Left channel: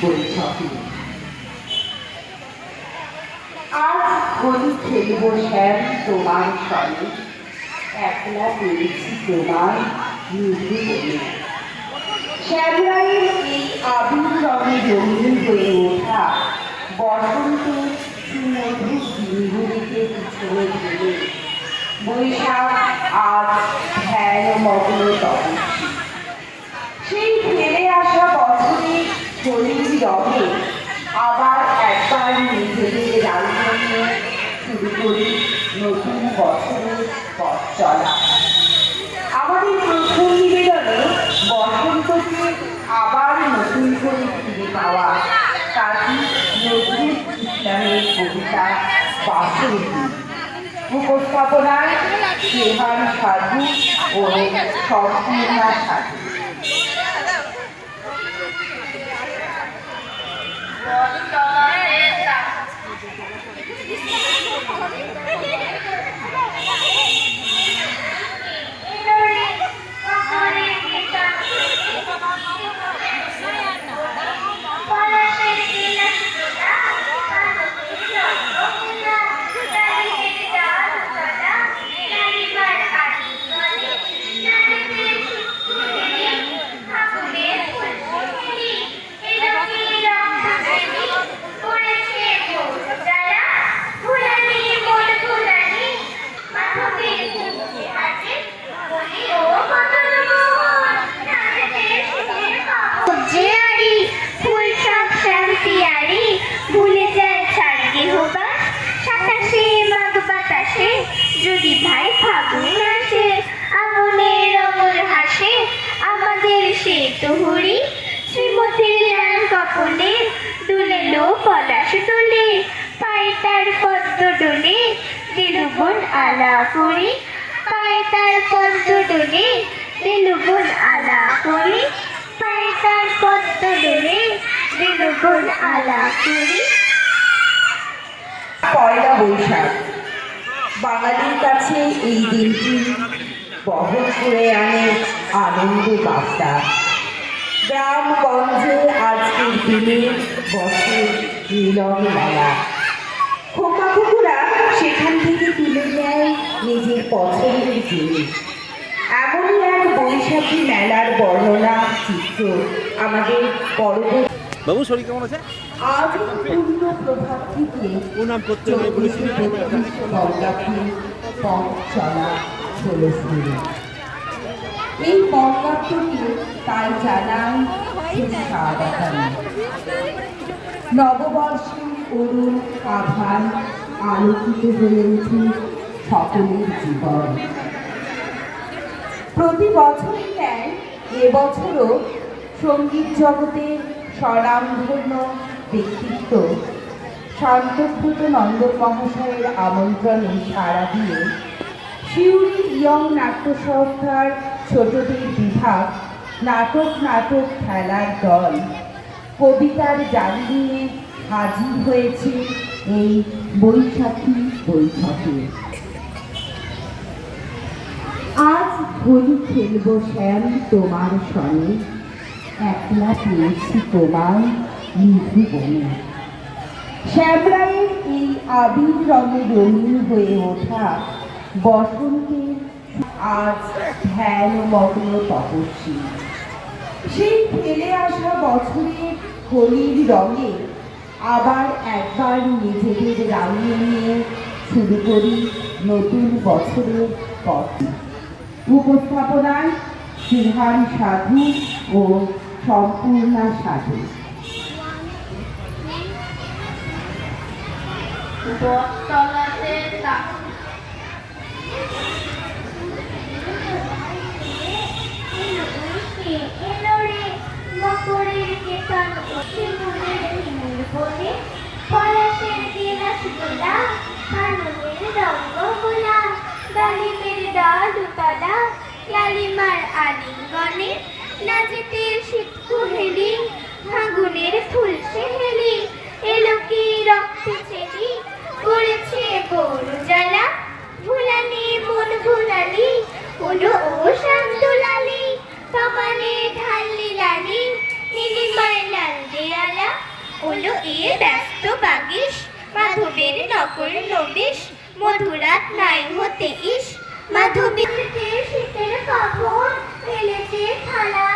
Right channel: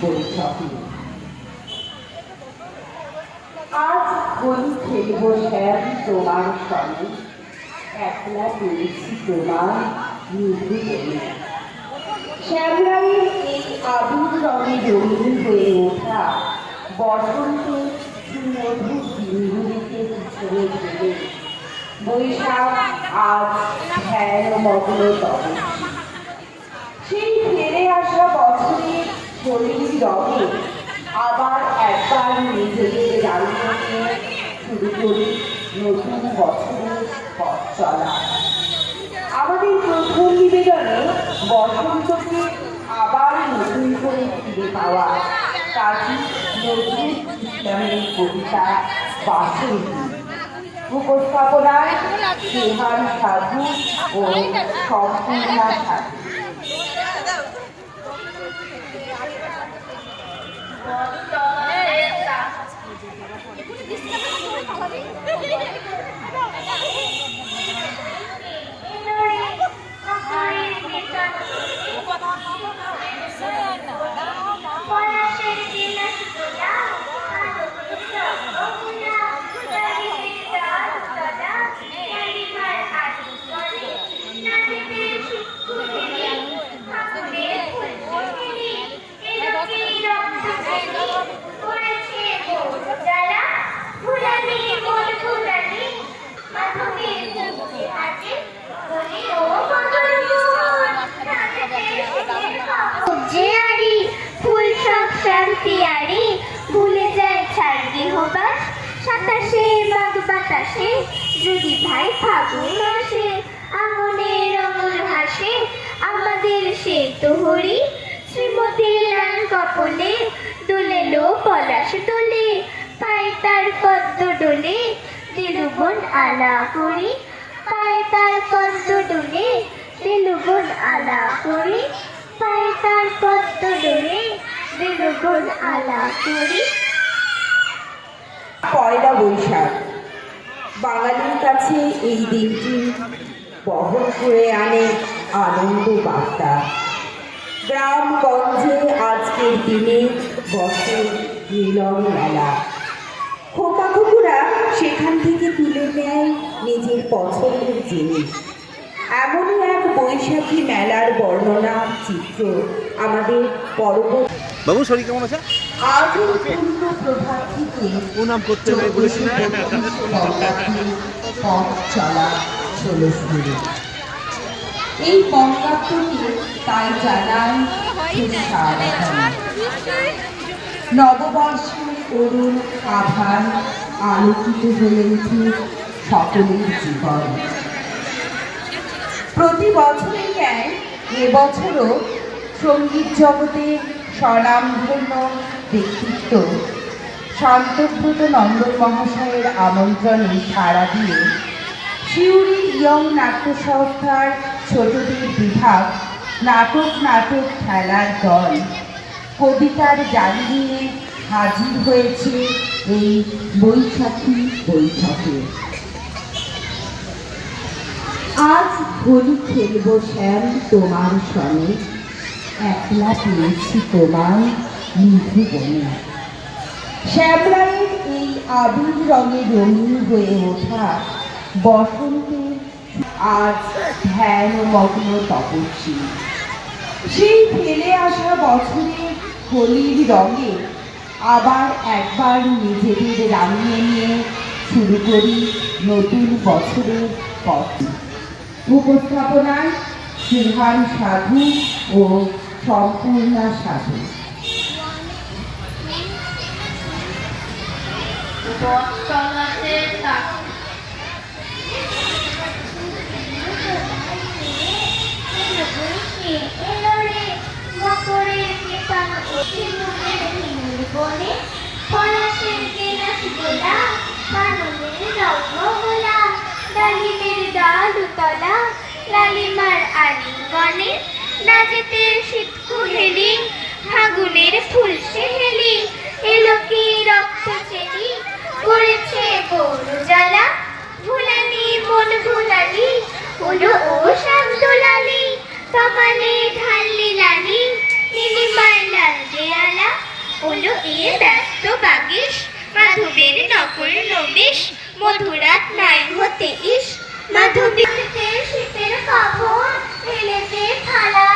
বৈঠকে আজ হোলি খেলব শ্যাম তোমার সঙ্গে। একলা পেয়েছি তোমার নিধু বলে। এই আবির রঙে হয়ে ওঠা সুমধুর দিনগুলিকে পিছনে ফেলে। বৈশাখ আজ ধ্যান মগ্ন তপস্বী সেই ফিরে আসা বছরের রঙে আবার একবার নিজেদের নিয়ে শুরু করি নতুন বছরের পথ চলা। আমাদের প্রথম নিবেদনে বসন্তকে আবার নতুন করে ফিরে পাওয়া। কাজী নজরুল ইসলামের কবিতা বাসন্তী। উপস্থাপনায় সেহান সাধু ও সম্পূর্ণা সাধু ভাই ফাগুন আসে আমনের রঙর হাসে, আমাদের সে তো হরি শ্রীমতীর লাল কপলে দুলে লো পলাশ তোলে, পায়ে তার পদ্ম ডোলে দিলুবন আলা করি। পায়ে তার পদ্ম ডোলে দিলুবন আলা করি। পায়ে তার পদ্ম ডোলে দিলুবন আলা করি। পয়লা বৈশাখ। বাঙালির কাছে এই দিনটি বহন করে আনে আনন্দ বার্তা। গ্রামগঞ্জে আজকের দিনে বসে মিলন মেলা। খোকা খোকুরা সেখান থেকে তুলে নেয় নিজের পছন্দের জিনিস। এমনই এক বৈশাখী মেলার বর্ণনা, চিত্র আমাদের পরবর্তী বাবু, শরীর কেমন আছে? আজ পূর্ণ প্রভাত থেকে করতে এই পঙ্কাত্মকে তাই স্বাগতম নববর্ষের অরুণ আভার আলোকিত হয়ে উঠুক সকলের জীবন। প্রতি বছরের ন্যায় এবছরও সংগীত জগতের স্বনামধন্য ব্যক্তিত্ব। শান্তব্রত নন্দন মহাশয়ের আমন্ত্রণে সাড়া দিয়ে শিউরি ইয়ং নাট্য সংস্থার ছোটদের বিভাগ নাটক নাটক খেলার দল কবিতার জাল নিয়ে হাজির হয়েছে এই বৈশাখী বৈঠকে। আজ হোলি খেলব শ্যাম তোমার সনে একলা পেয়েছি তোমার নিধু শ্যামরায়ের এই আবির রঙে রঙিন হয়ে ওঠা বসন্তের আজ ধ্যান মগ্ন তপস্বী। সেই ফেলে আসা বছরের হোলির রঙে আবার একবার নিজেদের রাঙিয়ে নিয়ে শুরু করি নতুন বছরের পথ উপস্থাপনায় সিংহান সাধু ও সম্পূর্ণা সাধু। লালিমার আলিঙ্গনে নাচেতে শীত কুহেলি ফাগুনের ফুল সেহেলি এলো কি রক্ত চেরি করেছে গরু জ্বালা। ভুলানি মন ভুলানি হলো ও শ্যাম দুলালি সমানে ঢাললি লালি নীলিমায় লাল দেয়ালা। ওলো এ ব্যস্ত বাগিস, মাধবের নকল নবিশ, মধুরাত নাই হতে ইস। মাধবীতে শীতের কাপড় ফেলেছে নিয়ে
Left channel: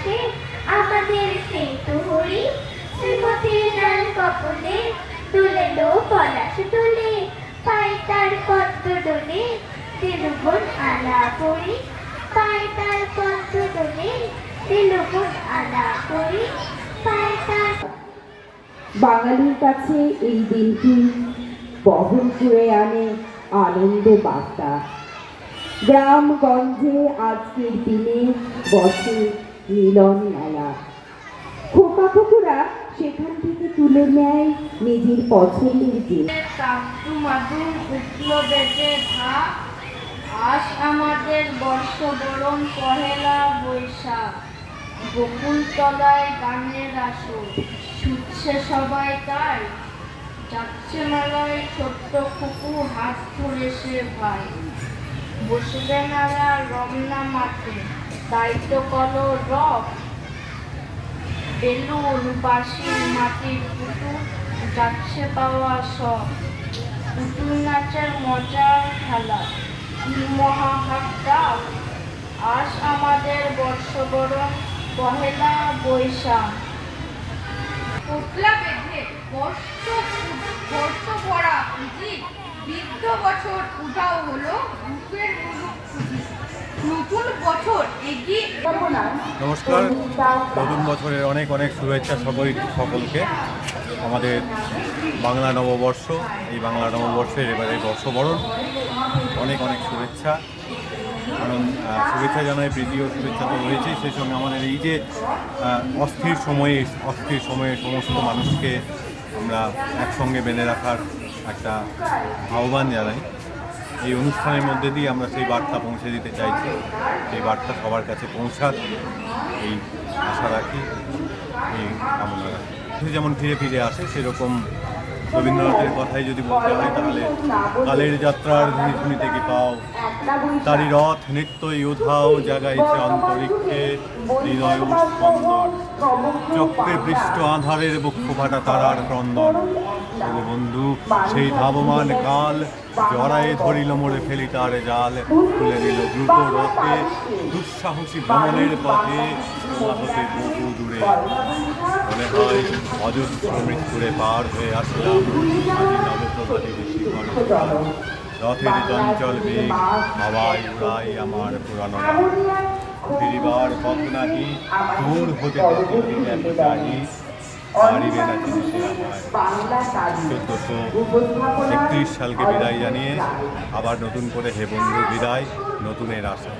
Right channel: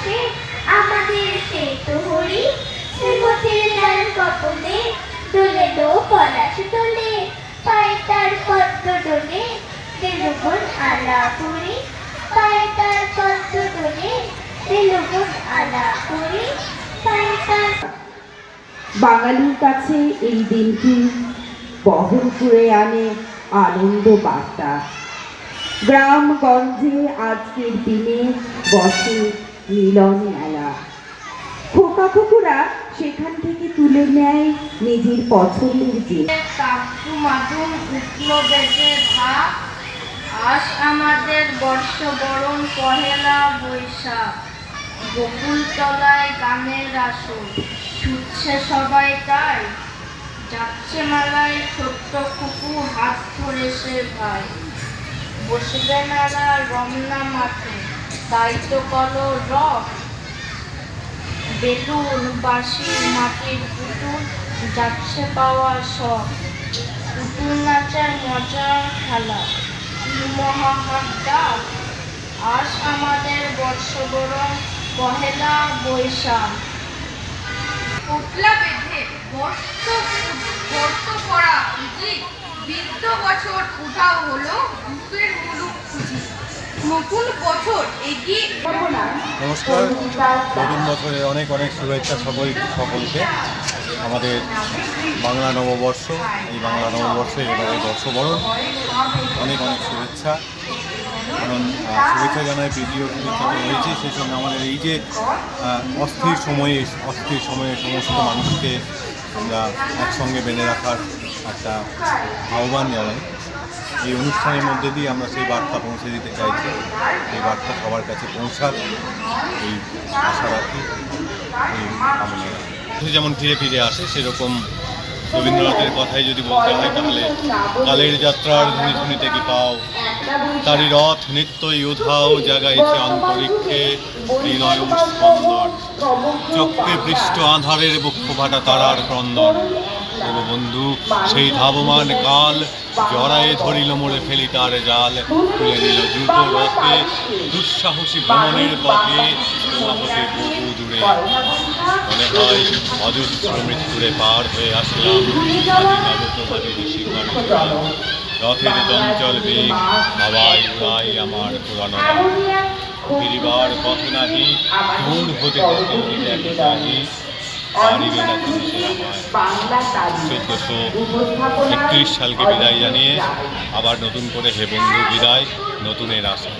হাসে আমাদের সে তো হরি। সে পথের ডাল কপলে দোলে দো পলাশ দোলে। পায়ে তার পদ্ম দোলে দেলুগুন আলা করি পায়ে তার পদ্ম দোলে দেলুগুন আলা করি পায়ে তার বাঙালির কাছে এই দিনটি বহন করে আনে আনন্দ বার্তা। গ্রামগঞ্জে আজকের দিনে বসে মিলন মেলা খোকা খোকুরা সেখান থেকে তুলে নেয় নিজের পছন্দের জিনিস। কাকু মাদু উঠল বেজে ধাপ আজ আমাদের বর্ষবরণ পহেলা বৈশাখ। বকুল তলায় গানের আসর ছুটছে সবাই তাই। যাচ্ছে মেলায় ছোট্ট কুকু হাত ধরে সে ভাই। বসবে মেলা রমনা মাঠে দায়িত্ব করো রথ বেলুন, বাঁশি, মাটির পুতুল, যাচ্ছে পাওয়া সব। পুতুল নাচের মজার খেলা। কি মহাহাট্টা আজ আমাদের বর্ষবরণ, পহেলা বৈশাখ। পোটলা বেঁধে বর্ষ বর্ষ পড়া উচিত বৃদ্ধ বছর উঠাও হলো বুকের মুলুক খুঁজি নমস্কার। নতুন বছরের অনেক অনেক শুভেচ্ছা সকল সকলকে। আমাদের বাংলা নববর্ষ, এই বাংলা নববর্ষের এবারে বর্ষবরণ। অনেক অনেক শুভেচ্ছা। কারণ শুভেচ্ছা জানাই প্রীতি ও শুভেচ্ছা তো রয়েছে। সেই সঙ্গে আমাদের এই যে অস্থির সময়ে অস্থির সময়ে সমস্ত মানুষকে আমরা একসঙ্গে বেঁধে রাখার একটা আহ্বান জানাই। এই অনুষ্ঠানের মধ্যে দিয়ে আমরা সেই বার্তা পৌঁছে দিতে চাইছি, সেই বার্তা সবার কাছে পৌঁছাক, এই আশা রাখি, এই কামনা রাখি। যেমন ফিরে ফিরে আসে, সেরকম রবীন্দ্রনাথের কথাই যদি বলতে হয়, তাহলে কালের যাত্রার ধ্বনি শুনিতে কি পাও? তারি রথ নিত্যই উধাও জাগাইছে অন্তরিক্ষে হৃদয় স্পন্দন। চক্রে পৃষ্ঠ আধারের বক্ষ ফাটা তারার ক্রন্দন। বন্ধু? সেই ধাবমান কাল জড়ায়ে ধরিল মোড়ে ফেলি তার জাল, তুলে নিল দ্রুত রথে, দুঃসাহসী ভ্রমণের পথে। হতে বহু দূরে। মনে হয় অজস্র মৃত্যুরে পার হয়ে আসলাম। আদি নবপ্রভাতে চূড়ায়। রথের চঞ্চল বেগ হাওয়ায় উড়াই আমার পুরানো ফিরিবার পথ নাহি, দূর হতে দেখে যদি দেখো চাহি পারিবে না সে চোদ্দশো একত্রিশ সালকে বিদায় জানিয়ে আবার নতুন করে হে বন্ধু বিদায় নতুনের আশা।